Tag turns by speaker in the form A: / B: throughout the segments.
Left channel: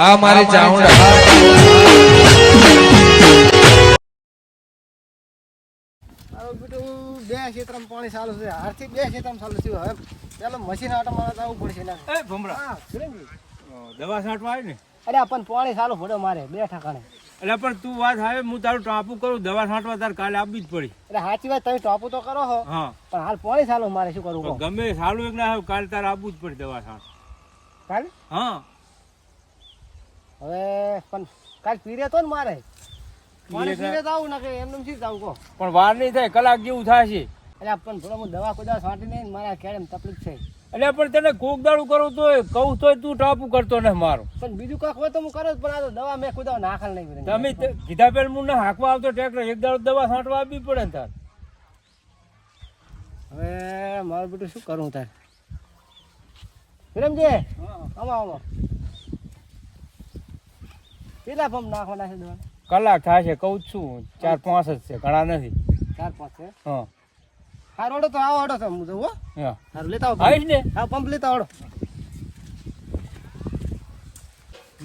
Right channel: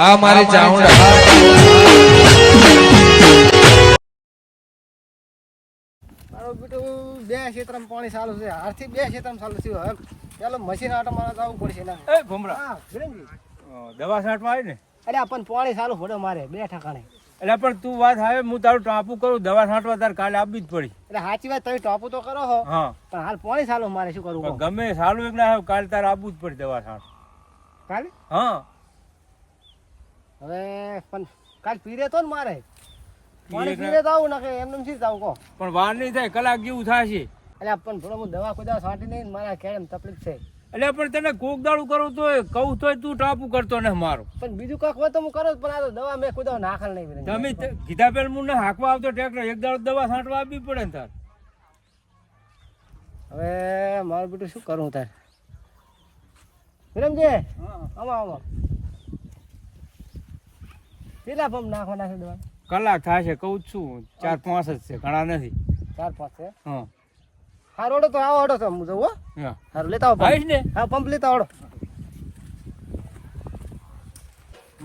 A: આ મારી ચાઉંડા
B: મારો બેટું બે ક્ષેત્રમાં પાણી ચાલુ છે. હારથી બે ક્ષેત્રમાં ચાલુ થયું હવે ચાલો મશીન આટો મારે જવું પડશે એના.
C: એ ભમરા.
B: હા
C: દવા છાંટવા આવી ને?
B: અરે આ પણ પાણી ચાલુ પડે મારે બે ઠાકાણે.
C: એટલે પણ તું વાત આવે હું તારું ટાપુ કરું દવા છાંટવા તારે કાલે આપવી જ પડી.
B: એટલે સાચી વાત તમે ટોપું તો કરો
C: હો.
B: પણ હાલ પોણી ચાલુ મારે શું કરવું
C: ગમે સારું એક ના કાલે તારે આપવું જ પડે દવા છાંટ.
B: કાલે?
C: હા.
B: હવે પણ કાલ પીરે તો ને મારે. પાણી
C: પીરે
B: તો આવું નાખે એમને શી જાવ કહો.
C: પણ વાર નહીં થાય કલાક જેવું થશે.
B: એટલે પણ થોડો હું દવા કોઈ દાડો છાંટી નહીં ને મારા કેમ તકલીફ છે.
C: એટલે પણ તને કોક દાડું કરું તો કહું તોય તું ટાપુ કરતો ને મારું.
B: પણ બીજું કાંક હોય તો હું કરું જ, પણ આ તો દવા મેં કુદાવ નાખલ નહીં.
C: તમે કીધા પેલ મું ના હાંકવા આવતો ટ્રેક્ટર એક દાડો દવા છાંટવા આપવી પડે ને તાર.
B: હવે મારું બેટું શું કરું તાર? વિરમજી આમાં આમાં કેટલા પંપ નાખવાના છે દવા?
C: કલાક થશે કહું છું. ચાર પાંચ જ છે ઘણા નથી.
B: ચાર પાંચ છે?
C: હા.
B: હારો ઓડો તો આવો ઓડો તો હું જવું હો. હારું લેતા આવો
C: આવીશ ને?
B: હા પંપ લેતા ઓડો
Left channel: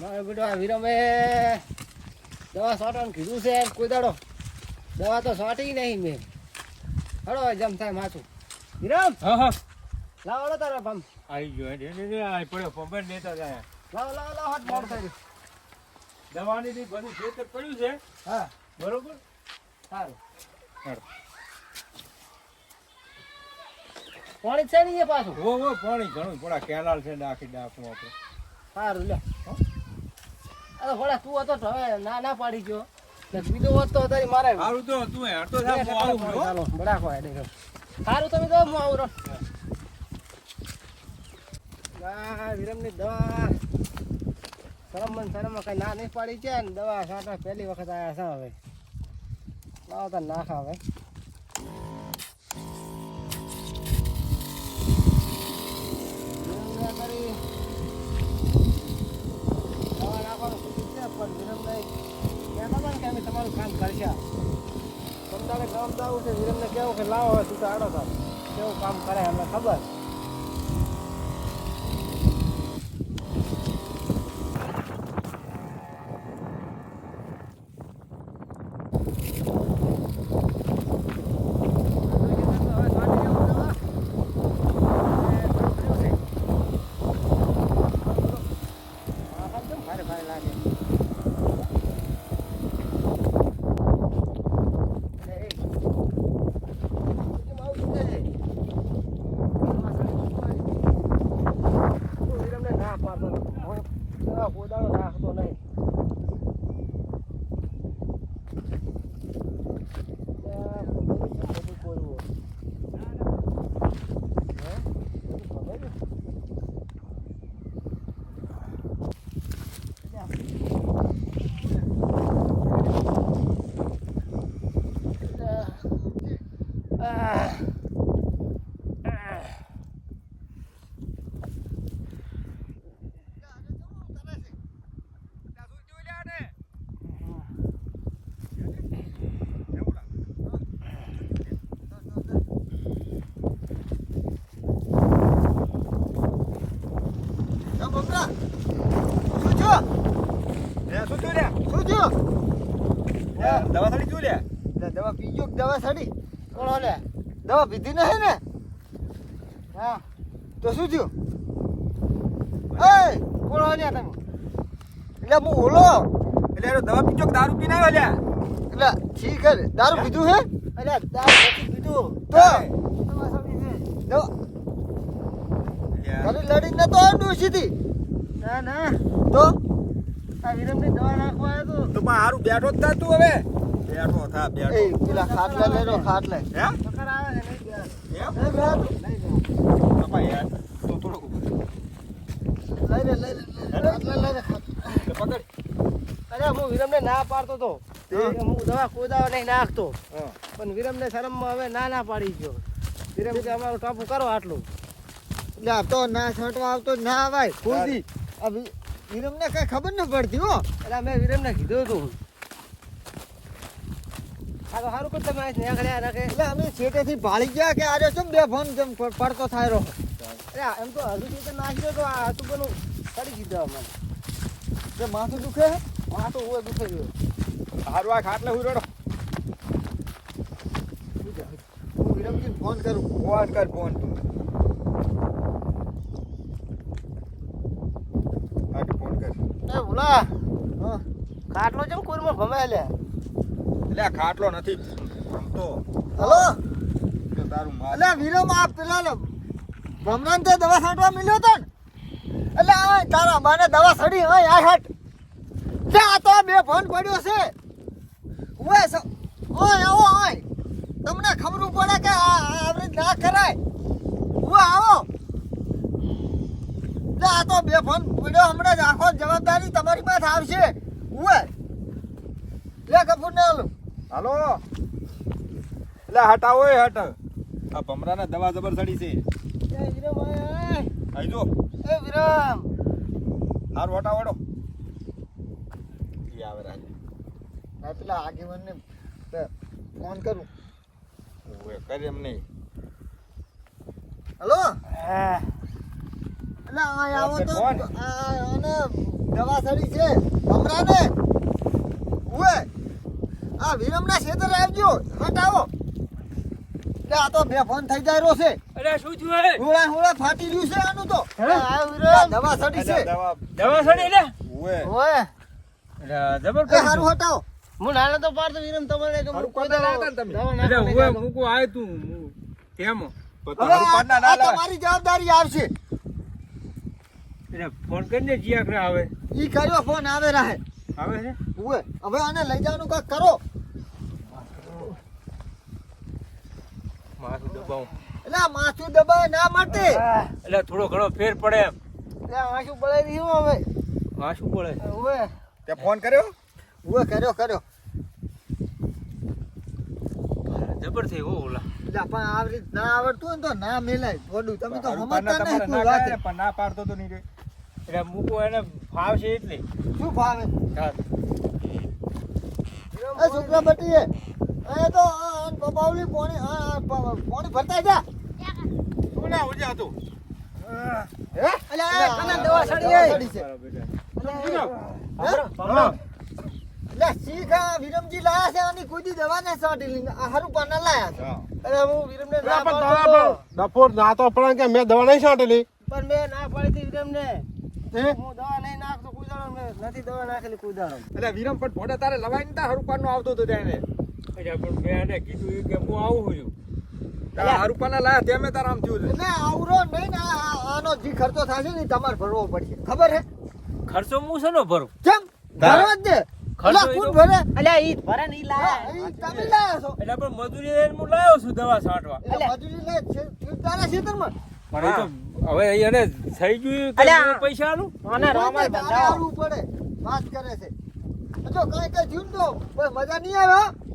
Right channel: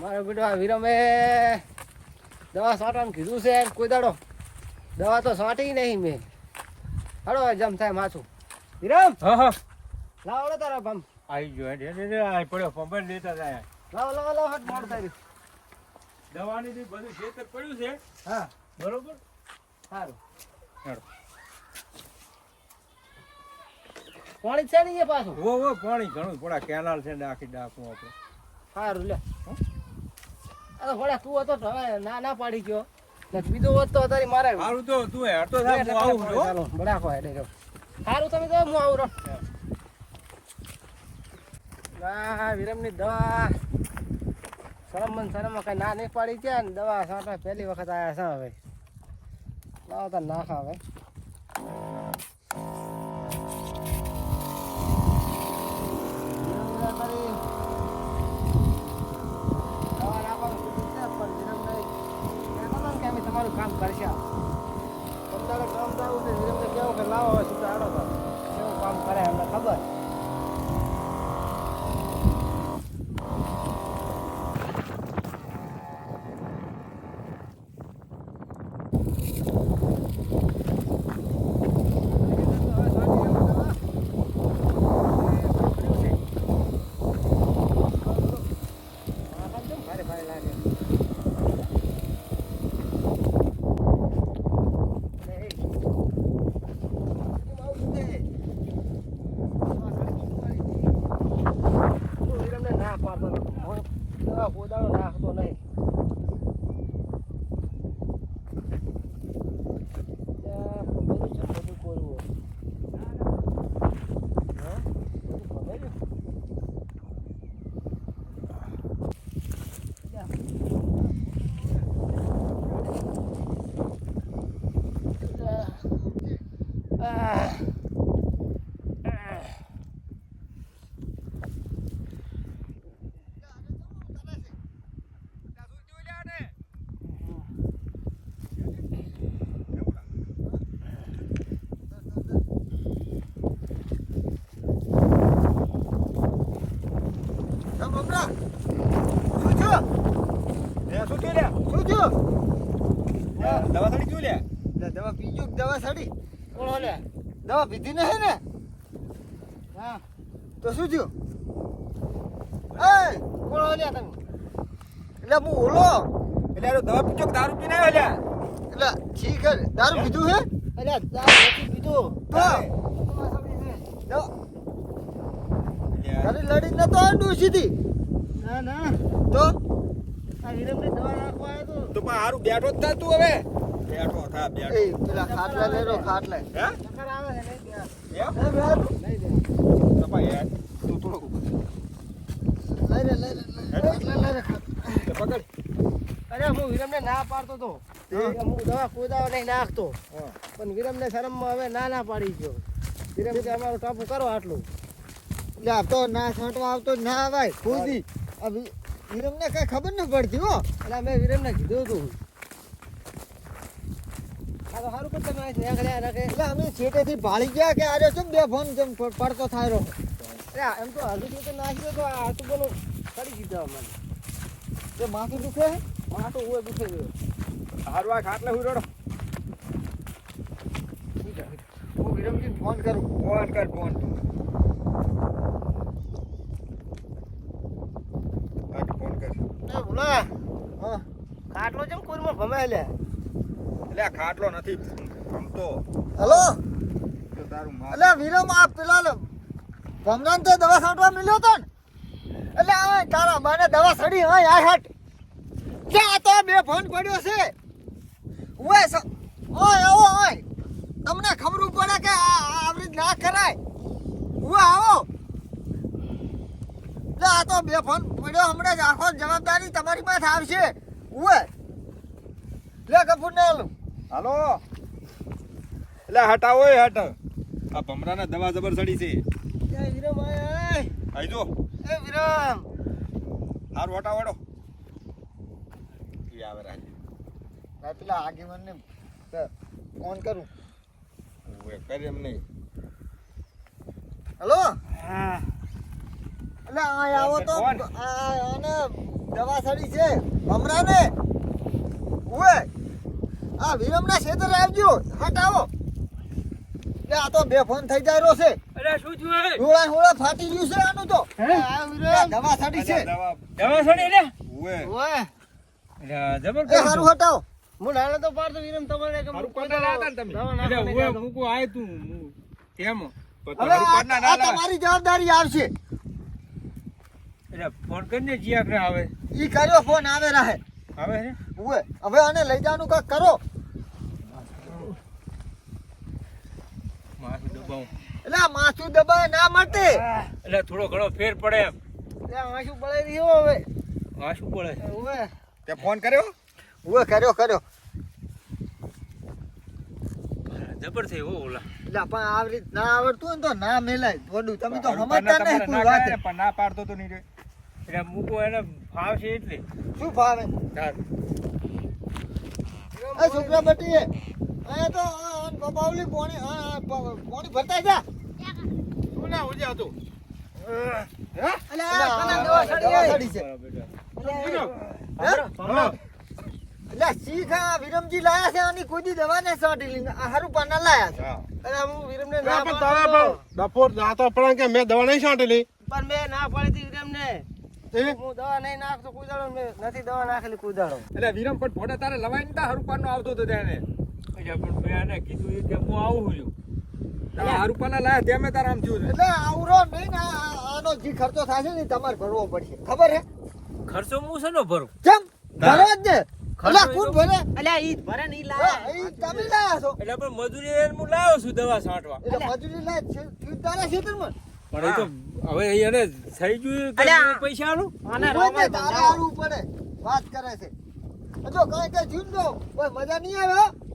B: મારો બેટો આ વિરમે દવા છાંટવાનું કીધું છે કોઈ દાડો. દવા તો છાંટી નહીં મેં. હાડો જમ થાય માથું. વિરમ!
C: હા હા.
B: લાવો તારા પંપ.
C: આવી ગયો પડ્યો પંપ લેતા જાય.
B: લાવો લાવો લાવો હાથ મારતા
C: દવાની બી બધું ખેતર પડ્યું છે.
B: હા.
C: બરોબર?
B: સારું.
C: સારું
B: પાણી છે ને એ પાછું?
C: હો હો પાણી ઘણું. થોડા કેનાલ છે ને આખી ડાકું આપણે.
B: સારું લે અરે થોડા તું હતો હવે ના ના પાડી ગયો. બીજો હોત તો તારી મારે
C: સારું તો તું હેડ તો હું આવું
B: ચાલો બડાકો હેડે સારું તમે તો હું આવું રહો ના વિરમની દવા. શરમ મન શરમ કઈ ના નહીં પાડી છે ને દવા સાથે પહેલી વખત આવ્યા છે હવે. લાવો તો નાખા હવે. તમારું કામ કરશે. તમારે કામ તો છે, વિરમને કેવું કે લાવો સીધા આડો તો. કેવું કામ કરે અમને ખબર ભારે ભારે લાગે Hey. કેમ આવું દુખે છે? હું વિરમને ના પાડતો નતો. હું દવા પોદાનો નાખતો નહીં. Ah.
D: દવા પીજો કે દવા સડી
B: કોણ ઓલે?
D: દવા પીધી હે ને?
B: હા.
D: તો શું થયું? એ!
B: કોણ ઓલ્યા તમે?
D: એટલે હું ઓલો.
C: એટલે દવા પીજો કે દારૂ પીને આવ્યો?
D: એટલે ઠીક હે દારૂ પીધું હે?
B: એટલે દારૂ નથી પીધું.
D: તો?
B: દવા સડી
D: તો? આવ્યો સીધી
B: ના ના
D: તો?
B: આ વિરમની દવા નાખવા આવ્યો તો.
C: તો પણ હારું બેઠો જ તું હવે. બેઠો થા બેઠો.
D: પેલા ખાટલા લે ખાટલા
C: હે?
B: ચક્કર આવે છે નહીં બેહાર.
C: એમ?
D: નહીં બેહાતું?
B: નહીં બેહાર.
C: તો પણ યાર, તું થોડુંક
D: લઈ લે લઈ લે ખાટલા લઈ લે
C: પકડ.
B: અરે હું વિરમને ના પાડતો તો. હું. દવા કોઈ નહીં નાખતો.
C: હા.
B: પણ વિરમને શરમમાં હવે ના ના પાડી ગયો. વિરમ કે અમારું ટાપુ કરો આટલું.
D: એટલે આ તો ના છાંટવા આવતો ના આવાય. ખુદી વિરમને કઈ ખબર ન પડતી હો.
B: એટલે મેં વિરમને કીધું હતું. સારું પણ તમે આજ નીકળ્યા રાખે
D: એટલે અમે છેટેથી ભાળી ગયા કે આરે શું બે ફોન જેમ પડતો થાય રહો
B: અરે એમ તો હળવી રીતે નાખી દો તો આ આટલું બધું કરી દીધું મને
D: જે માથું દુખે
B: તો હોય દુખે છે.
D: હારું આ ખાટલે હું રડો. હું વિરમજીને ફોન કરું. ફોન કર ફોન ફોન કર.
B: એ ભૂલા
D: હા.
B: ખાટલો જેમ કુરમાં ભમે લે.
D: એટલે ખાટલો નથી. રમતો. હલો? એટલે વિરમ આ પેલા લે ભમરાન તે દવા છાંટવા મળ્યો હતો ને. એટલે આ તારા માને દવા છડી હોય આ હાટ. તે આ તો બે ફોન પડ્યો છે. ઓય ઓય આવો ઓય તમને ખબર પડે કે આ આ આવી રીત ના કરાય. ઓય આવો. લે આ તો બે ફોન પડ્યો હમણાં જ આખો જવાબદારી તમારી પાસે આવશે. ઓય લે કપૂર ને આલું.
A: હાલો. એટલે હટાવો એ હટ. આ ભમરાને દવા જબર સડી છે.
D: જય વિરમ આય
A: આઈ જો.
D: એ વિરમ.
A: હારું હટાવડો ઈ આવે રાજા.
D: પેલા આગેવાનને ફોન કરું.
A: ઓએ કરી એમ નહીં.
D: હલો?
B: હા.
D: એટલે આ આવો તો આને દવા સડી છે. હમણાં ઓએ આ વિરમના ક્ષેત્રે આવજો હટ આવો. આ તો બે ફોન થઈ જાય રહ્યો છે.
C: અરે શું થયું હે?
D: હોળા હોળા ફાટી રહ્યું છે આનું તો.
B: આ
D: એટલે
B: વિરમ
D: દવા સડી છે.
A: દવા
C: દવા સડી લે
A: ઓએ
B: ઓય
C: અરે જબર
D: એ
C: કરી
D: હારું હટાવો.
B: હું નાનો તો પાડતો વિરમ તમારે કે
A: હારું કોને લાવતા તમે?
C: એટલે
B: નાખવાની
C: હું
B: કહેતો.
C: આય તું હું
A: તો તારું પાડના ના
D: આ તમારી જવાબદારી આવશે.
C: એટલે ફોન કરીને જીયા કરે આવે
D: ઈ કર્યો ફોન આવે રહે.
C: આવે
D: ઓએ હવે. આને લઈ જવાનું કાંઈક કરો.
C: માથું દબાવું.
D: એટલે માથું દબાય ના મળતે
C: એટલે થોડો ઘણો ફેર પડે એમ.
B: એટલે આંસુ પડે રહ્યો હવે.
C: આ પડે
B: હવે
A: તે ફોન કર્યો?
D: હવે કર્યો કર્યો.
C: જબર થઈ હો ઓલા.
D: એટલે પણ આવી રીત ના આવડતું ને તો ના મેલાય. થોડું તમે તો સમજતા નહીં
A: ના
D: વાત.
A: પણ ના પાડતો તો નહીં રે
C: એટલે મૂકો એને ફાવશે એટલે.
D: શું ફાવે? છોકરા બટી એ તો પોણી પોણી ભરતા જા
A: ના તું
D: સીધા વિરમજી લાયા છે અને કોઈ દવા ને સાટી. આ હારું પાના લાયા છે.
B: અરે હું વિરમને ના.
E: પણ ડફોર ના તો પણ કે મેં દવા નહીં છાંટેલી.
B: પણ મેં ના પાડી હતી વિરમને. હું? દવા નહીં નાખતો કુદાડો મેં નથી દવા નાખેલી કુદાડો
A: એટલે વિરમ પણ ભોડે તારે લવાઈ નતા હારું પાડનો આવતો હતો તેને.
C: અચ્છા પણ મેં આને કીધું કે હું આવું છું
A: હારું પાડના લાયા તે મેં તારા આમ થયું છે.
D: એટલે આવરો નહીં ને આ- આનો જે ખર્ચો થશે ને ઈ તમારે ભરવો પડશે. ખબર હે?
C: ખર્ચો હું છે ને ભરું?
D: કેમ ભરવો જ ને
C: ખર્ચો
D: કોણ ભરે?
B: અલ્યા ઈ ભરે ને લાવા.
D: ઈ તમે લાયા છો.
C: એટલે પણ મજૂરી હું છું દવા છાંટવા.
D: એટલે મજૂરી લે છે- છે તારા ખેતરમાં
C: પણ એ તો હવે એને થઈ ગયું. હું પૈસા આલું?
B: અને
D: તારે પડે. વાત કરે છે. જો કાંઈ કાંઈ થયું તો કોઈ મજા નહીં આવે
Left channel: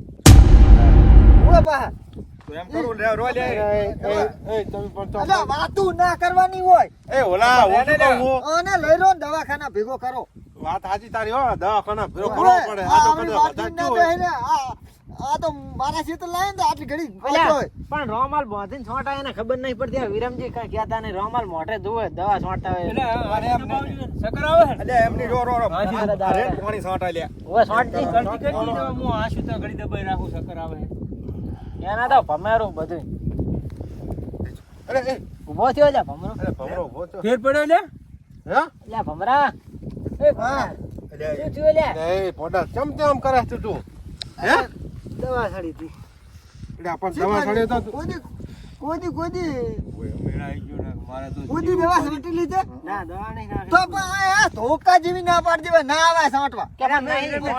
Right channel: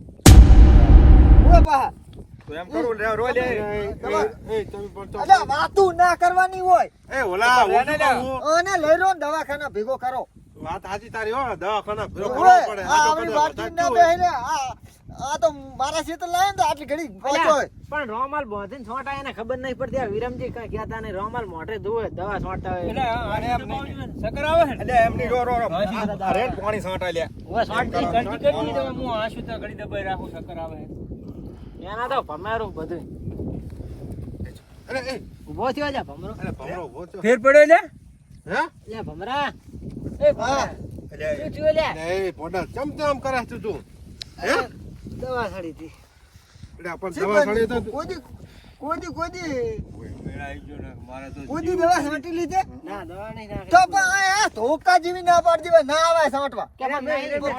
D: ઊભા પાહા.
A: તો એમ કરું લે રો લે
E: એ તમે પણ તો
D: વાતું ના કરવાની હોય
E: એ ઓલા
A: પણ
E: ઓછું
A: એને
E: કરવું.
D: અને લઈ રો ને દવાખાના ભેગો કરો
E: વાત સાચી તારી હો દવાખાના ભેગો કરવો પડે.
D: આ
E: આ
D: આપણી
E: બધું
D: ના
E: સાચું.
D: ને આ આ તો મારા ખેતર લાવ્યો તો આટલી ઘડી
B: પણ રોમાલ બોધીને છોટા એને ખબર નહીં પડતી વિરમજી કઈ કહેતા નહીં રોમાલ મોઢે જુએ દવા છોટા
C: એટલે આને દબાવજો ને. આવે
A: એટલે એમની રો રો
C: તો
A: આ પાણી છોટા લે
B: ઓય
C: કરતી કરતી કરતી હું આશુ તો ઘડી દબાઈ રાખું ચક્કર આવે.
B: એના તો ભમેરું બધું
A: અરે એ
B: ઊભો થયો લે ભમરો.
A: અરે ભમરો ઊભો થયો.
C: ફેર પડ્યો લે
E: હે?
B: લે ભમરા. એ ભમરા. શું થયું લે
E: એ પોડા કેમ તેમ કરે છે તું? હે?
B: દવા સડી હતી.
E: એટલે આપણ દવા છોડે તો
D: કોદી કોદી કોદી?
A: ઓય,
C: મેળા આવી ગયો ને મારે તો
D: કોદી દવા છાંટી લીધે?
B: ના દવા નહીં
D: તો પણ ધોકા જેવી ના પાડી દેવાય ના આવે
B: સાંટવા.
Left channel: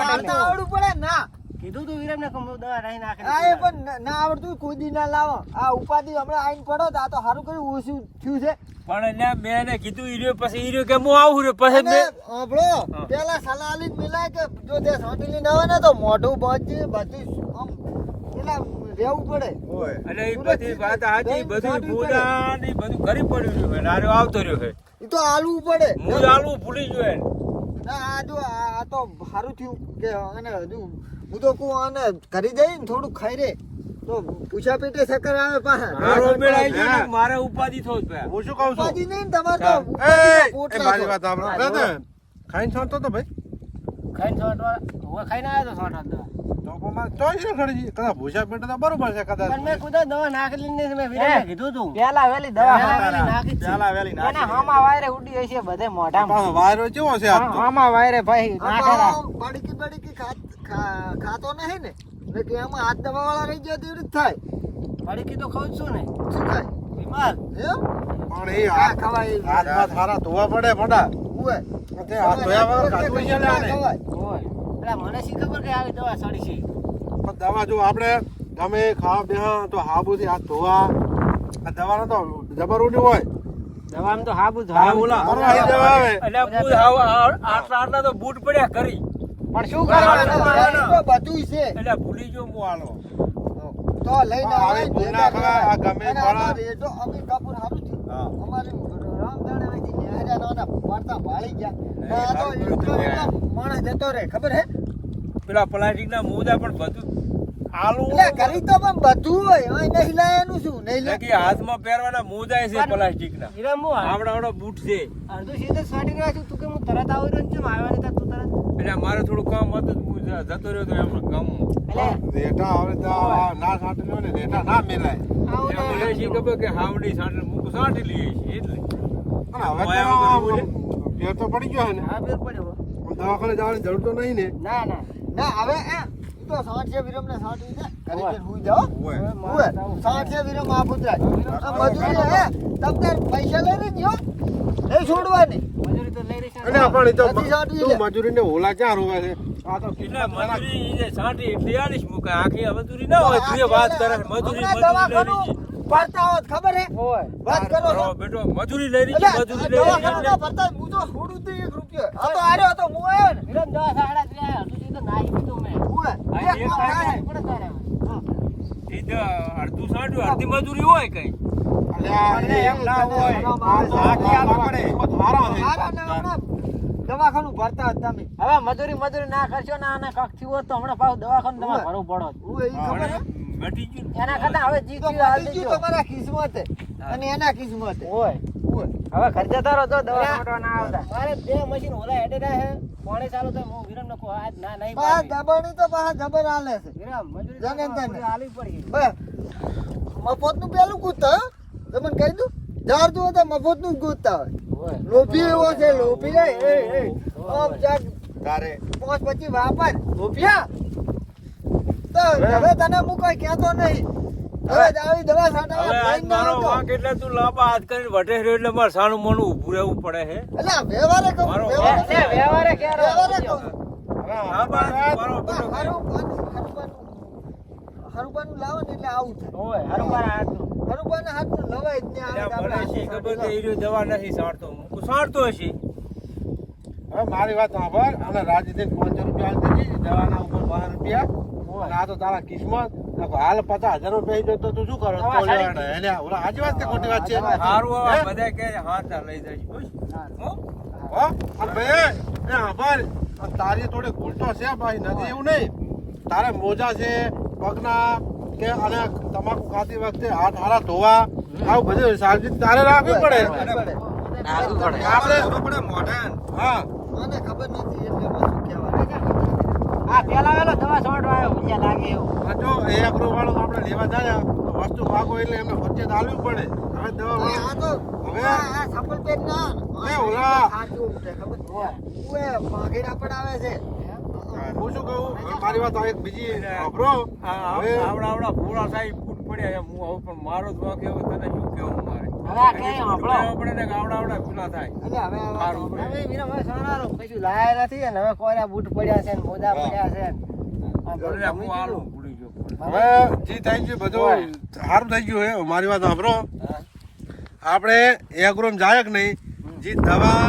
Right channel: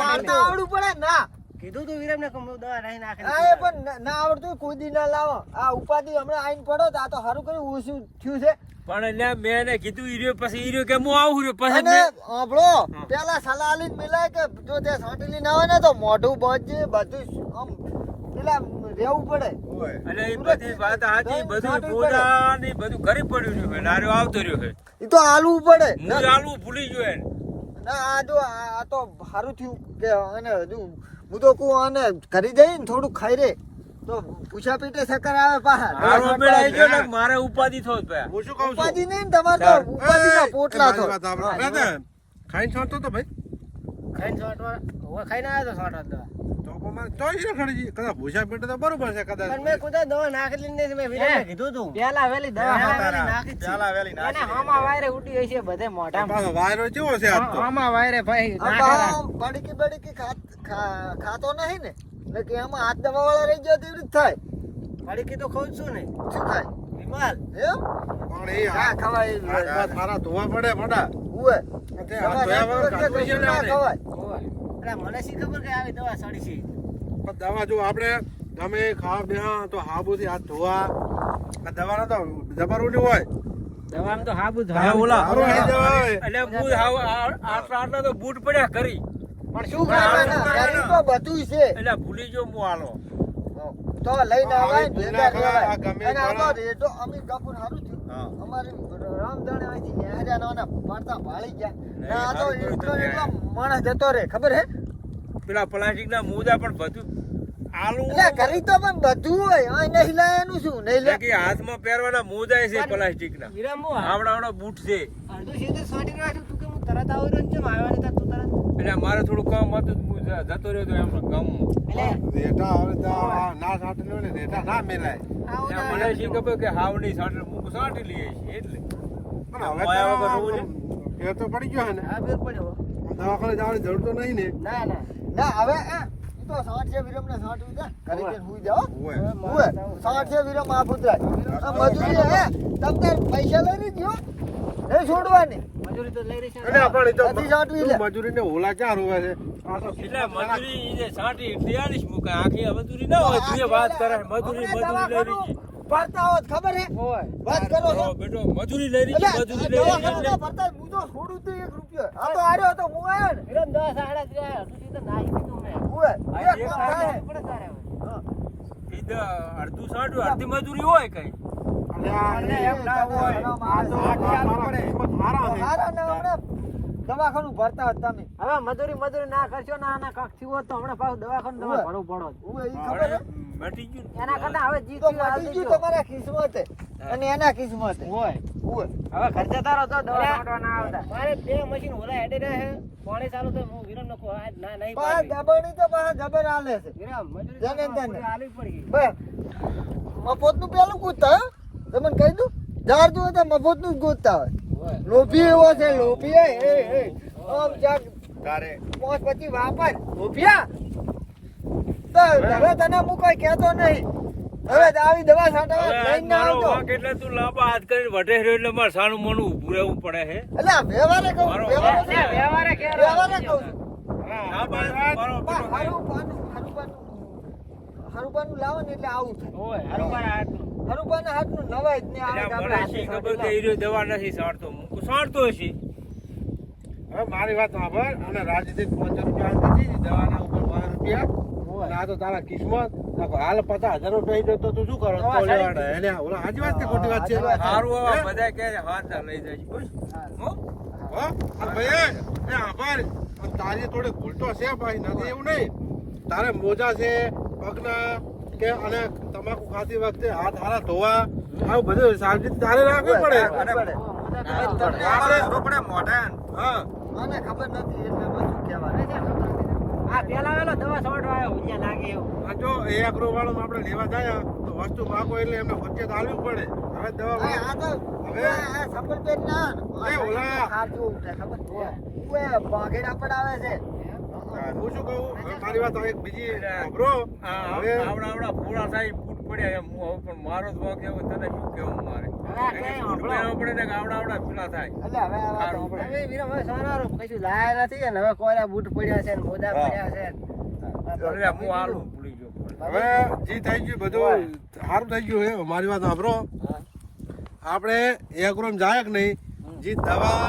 D: પાડતા પડે ના.
B: કીધું તું વિરમને કે હું દવા નાખી નાખે.
D: આ એ પણ ના- ના આવડતું કોઈ દી ના લાવો. આ ઉપાધિ હમણાં આઈન પડો તો આ તો સારું કર્યું ઓછું થયું છે?
C: પણ એટલે મેં એને કીધું ઈ રહ્યો પછી ઈ રહ્યો કે હું આવું રહ્યો પછી મેં-
D: પેલા સલાહ આલીને મિલાય કે જો તે છાંટેલી ના હોય ને તો મોઢું બચે બધું આમ પેલા રહેવું પડે.
A: ઓય.
C: અને એ બધી વાત સાચી બધું બોલા ને બધું કરી પડ્યું રહ્યું છે નાર્યો આવતો રહ્યો છે.
D: એ તો આલવું પડે.
C: હું આલું ભૂલી ગયો.
D: ના આ જો આ આ તો સારું થયું કે અને હજુ હું તો કહું આને કરી દઈ ને થોડું ખાઈ રે તો પૂછા પીટે સકર આવે પાછા
C: મારો ઉપાધિ થો જ ભાઈ
E: હું શું કહું છું
D: ઉપાધિ નહીં તમારે તો
C: ચાલ.
D: પોટલા તો
E: દાદા, ખાઈને છોડતો તો ભાઈ
B: ખાઈને છોટવા હવે ખાઈને આવ્યો તો છોટવા દવા.
E: તો પણ મારે ખરી કદાચ ભૂસા પેટે તો બરોબર છે કદાચ
B: પણ મેં કુદા દવા નાખેલી મેં વીરને કીધું તું.
F: પેલા વેલી
B: દવા
F: દવા
B: નાખી
A: પેલા વેલી નાખી
F: હામા વાયરે ઉડી હોય છે બધે મોઢામાં.
E: પાછો વાયરો કેવો છે આજ તો?
F: હામા વાયરે ભાઈ નાખેલા.
D: બડકી બડકી ખાતો નહીં ને. એટલે કે આમાં હાથ દવા વાળા રહી ગયા તેવી રીતે થાય.
B: પડીકી તો ખાઉં છું ને.
D: શું થાય?
B: વિમલ
E: પણ એ
D: આ ખવાય
E: હાથ બાથ ધોવા પડે મોટા
D: ઉવે.
E: તે હાથ ધોયા વગર ખાધું છે ને આને.
D: ખવાય?
B: મને શી ખબર કે આવી દવા સડી છે?
E: પણ દવા જો આપણે ગમે ખાવા બેહો તો હાબુથી હાથ ધોવા. આ દવાને તો જબર ઉડી હોય.
B: દવામાં તો હાબુ હાબુ
E: આવે
C: એટલે હું હાવ આ- આટલા તો બૂટ પડ્યા કરી.
B: પણ શું કરવાનું?
D: બધું છે.
C: એટલે ભૂલી જો હું હાલો.
D: તો લઈને આવે ભેગા
E: ભૂલા
D: લેવાય.
E: ખા, ગમે
D: અને આ રેડો અમે કાપુર હારું થયું. અમારી રામધણ અહીંથી નેહર્યા પડતા ભાળી ગયા. આ તો એટલો એટલો માણસ જતો રે ખબર હે?
C: પેલા પ્લાસ્ટિક ના મોજા પણ બધું આલુ
D: કરી તો પણ બધું હોય. નહીં શું? નહીં લે
C: કે હાથમાં પહેરવાના મોજા છે પ્લાસ્ટિક ના
B: હીરા મો
C: આવડા આવડા બૂટ છે.
B: અડધું સીધે છું. તું કે હું તરત આવી રહ્યો આવ્યા નહીં તું તરત
C: એટલે મારે થોડું કામ હતું હું જતો રહ્યો તો એમાં ગામમાં.
B: એટલે
E: રેટા હવે ના સાંટલી લો ને રેટા ના મેલાય.
C: મને શી ખબર કે હાવડી સાંટે મૂક સાંટી લઈએ છીએ એટલે.
E: ફેર તો પડી ગયો છે ને.
B: હા ફેર પડ્યો
E: દવાખાને જવાની જરૂર તો નહીં ને.
B: ના ના.
D: ના હવે આ તું તો સાઠ છે વિરમ ને સાઠ ઉઈ કરી હુઈ જાઓ. હુએ સાઠ છે વિરમ આ પુત્રાજ મજૂરી હે? તમને પૈસા લઈ લીધો નહીં છોડવાની.
B: મજૂરી તો લઈ રહી છે
E: પણ તો તું
D: લે.
E: મજૂરીને ઓલા ક્યાં રોવે છે? આ તો
C: એટલે મજૂરી જે સાંટી એટલે આલીશ આખી મજૂરી ના હોય તું વાત કરે મજૂરી મજૂરી લઈ રહી
D: પડતા હોત ખબર હે? વાત કરો
C: બેટો મજૂરી લઈ રહી છે મજૂરી લઈ રહી છે
D: દવાખાનાના હું તો છોડું જ નહીં રૂપિયો. આ તો આર્યો હતો હું આવ્યો ને.
B: વિરમ દવા સાડા ત્રણ અડધું તો નાહી દીધું મેં.
C: અડધું અડધી મજૂરી હોય કઈ?
E: છે.
D: દવાખાનું ભરતા હતા તમે.
F: હવે મજૂરી મજૂરી ના કરશો ના આના કકથી હોત તો હમણાં પાછું દવાખાનું તમારે ભરવું પડો
D: ખબર
C: ને.
F: એના કરતા હવે જી
D: તો મટી ગયું તમારા કિસ્મતે અને એના કિસ્મત
F: હોય હવે ખર્ચા તારો જો દવા ના આવતા.
B: મારે બે મશીન ઓલા હેડે રહે પાણી ચાલુ થાય હું વિરમ ને આજ ના નહીં
D: પાછા
B: પાડવી.
D: તો પાછા ગબર આલે છે.
B: વિરમ મજૂરી
D: જાને
B: તો
D: જાને.
B: પડી.
D: બે મફતનું પેલું કૂદતા હો. તમને કહી દઉં જાર તું તો મફતનું કૂદતા હોય. લોભી એવો છે લોભી એ એ એ. આમ જાગ
A: તારે.
D: પાંચ પછી વાપર. લોભિયા. તો હવે તને હું કોઈ કહેતો નહીં. હવે આવી દવા છાંટવા લઈને
C: મારો
D: આવતો
C: એટલે તું લાંબા હાથ કરીને વટે રહ્યો એટલે મારે સાનું મોનું ઊભું રહેવું પડે છે
D: એટલે વ્યવહારે કહું
C: મારો
D: વ્યવહારે કહું.
F: વ્યવહારે
D: કહું.
C: લાંબા હાથ મારો પેલો
D: હારું પાનું હારું પાનું હારું પાનું લાવો ને એટલે આવું થાય.
F: હોય હાથનું.
D: હારું હાથનું નવાય જ નહીં આવે
C: શી ખબર કે ઈ દવા નથી સારતો. મૂકું સારતો હશે.
E: હવે મારી વાત સાંભળ અને રાજજીત પાંચસો રૂપિયા દવાના ઉપર બાર રૂપિયા અને આ તો તારા કિસ્મત. હાલ પચાસ હજાર રૂપિયા તો તું શું કરો? ઓલા સાચી વાત કે ખોટી વાત છે?
C: સારું બધા કહે હાથ લઈ જાય હો?
E: હો? અને ભાઈ એ આભાર. તારી થોડી ભૂલતો છે ભાઈ. નથી એવું નહીં. તારે મોજા છે પગના કે અને તમાકુ ખાતી વખતે હાથ હારા ધોવા આવું બધું સાવચેતી તારે રાખવી પડે.
A: પડે. મોઢે
E: હા.
D: મને ખબર નથી એટલે
F: આ પેલા વેલો દવા છોડવા આવ્યો ભૂંજા લાગે એવું.
E: આપણે લેવા જાય. તો વસ્તુ પાકો એટલે એમને વચ્ચે ચાલવું પડે. હવે દવા વાળા-
D: આ તો
E: હવે?
D: આ આ સંપલ ના
E: એ ઓલા.
D: ખાતું ખબર છે? પડાવે
E: હું. શું કહું? મારી વાત આ એક બીજી ખબરો હવે
C: આવડા આવડા ભોળા સાહેબ પડ્યા એમ હું હવે પણ મારો જ વાંક એવો તને શું કેવું મારે?
F: આપણે
C: ને આવડા આવડા પેલા થાય.
D: એટલે હવે.
B: હવે વિરમ હવે સોનારો કશું લાયા નથી અને હવે કોઈના બૂટ પડ્યા છે ને મોજા પડ્યા છે ને.
C: હું. આલું ભૂલી ગયો
E: હવે જે થઈ ગયું બધું સારું થઈ ગયું હે મારી વાત સાંભળો. આપણે એગ્રોમ જાય કે નહીં જે દવા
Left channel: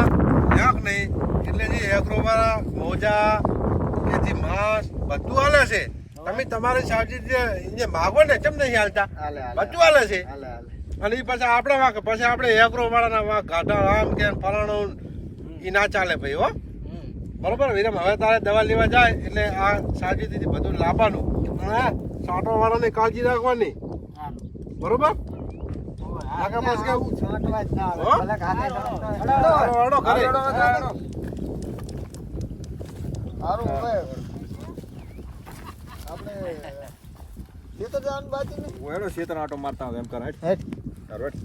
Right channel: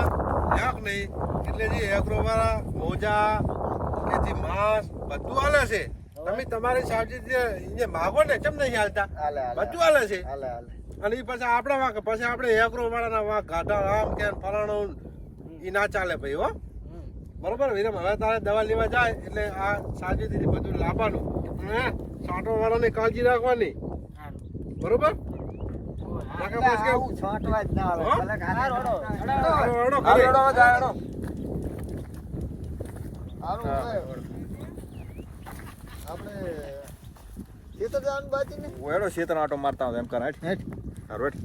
E: લ્યા નહીં એટલે જે એગ્રો વાળા મોજા કે જે માંસ બધું હાલે છે. તમે તમારી સાવચેતી જે માગો ને કેમ નહીં હાલતા?
D: હાલે હાલે
E: બધું હાલે છે.
D: હાલે હાલે.
E: અને એ પછી આપણે વાંક પછી આપણે એગ્રો વાળાના વાંક ગાઢા આમ કે ફલાણો એ ના ચાલે ભાઈ હો. બરોબર વિરમ હવે તારે દવા લેવા જાય એટલે આ સાવચેતીથી બધું લાવવાનું. હા સાંટો વાળાની કાળજી રાખવાની. બરોબર? ઘરે.
D: આપણે ખેતર જવાનું બાકી ને
A: ઓળો ખેતર આટો મારતા હોય એમ કર હેઠ. હરવટ